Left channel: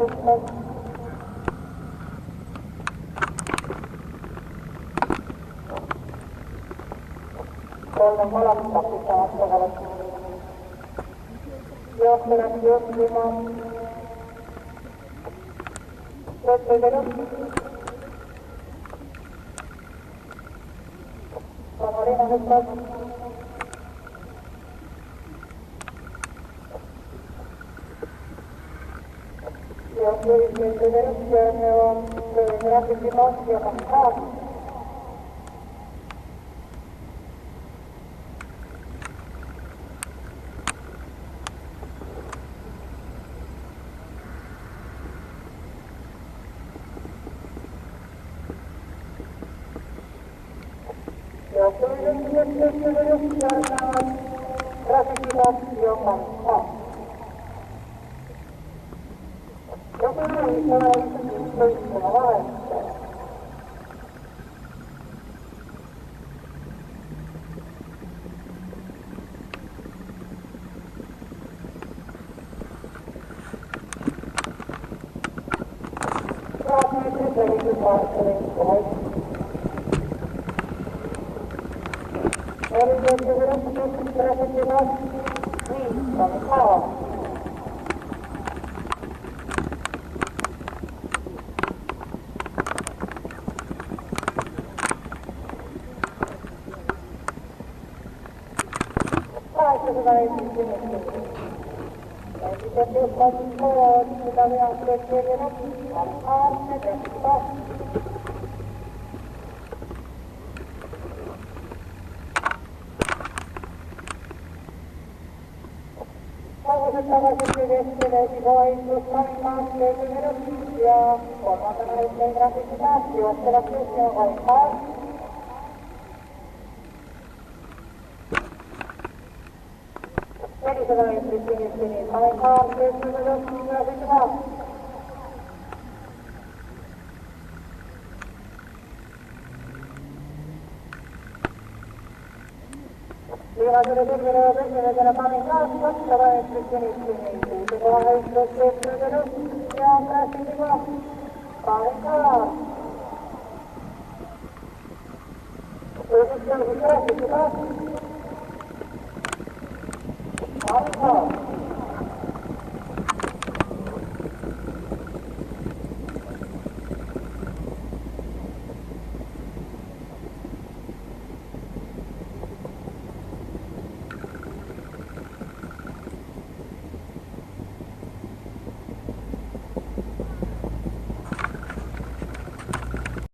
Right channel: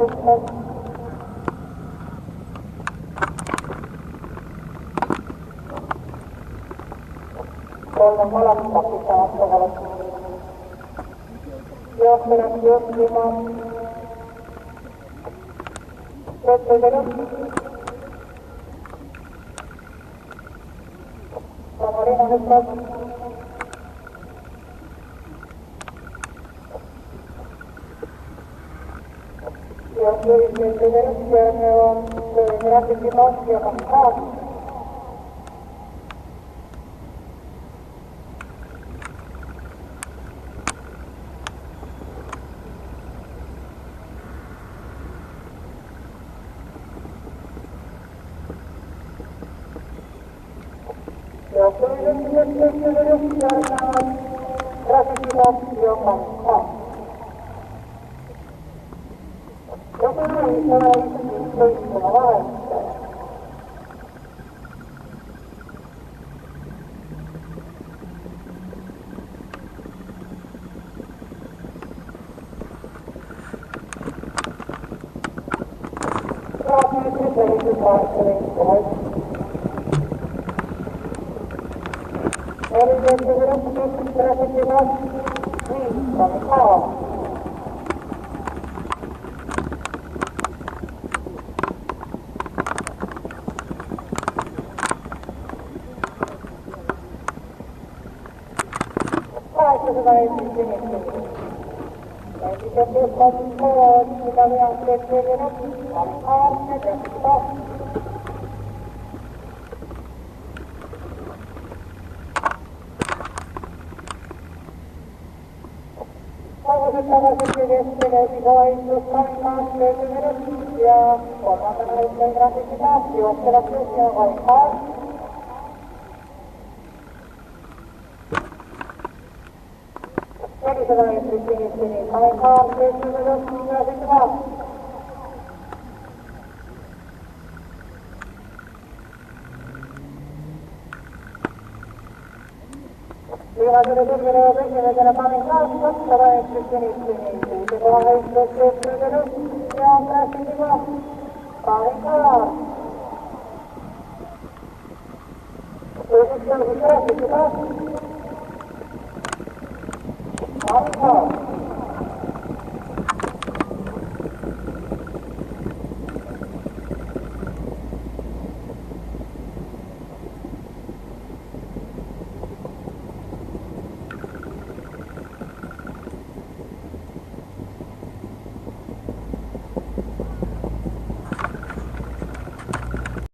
Kolme molemmista pitää ottaa johtajat johtimaan. Samarina nyt jos yritin verkkoja, on grafiikin ohjaavan taas. Jos yritin verkkoja, on grafiikin ohjaavan taas. Joku ei ole toistava vaihtaa. Saat nyt selitysvaihtelin pois. Erityisesti verkkoprosessivat viittani kaava. Hyvä esimerkki. Sitten jos on mitä me ajattelemme, on aarteetta. Toivottavasti vestilöisi vain, jos kankaan löytynyt ja kolmantena yhteen grafiikitaas juottelevat yhteen vaihtaa. Eli se vain yritti niin aikaa, löytyy ja sitten vaan. Viimeisellä terveydellä tekemisen panin kanssa, se vain yritti niin. Se vaan yritti ja päästiin vaan. Painkaa. Yritti grafiikki taas.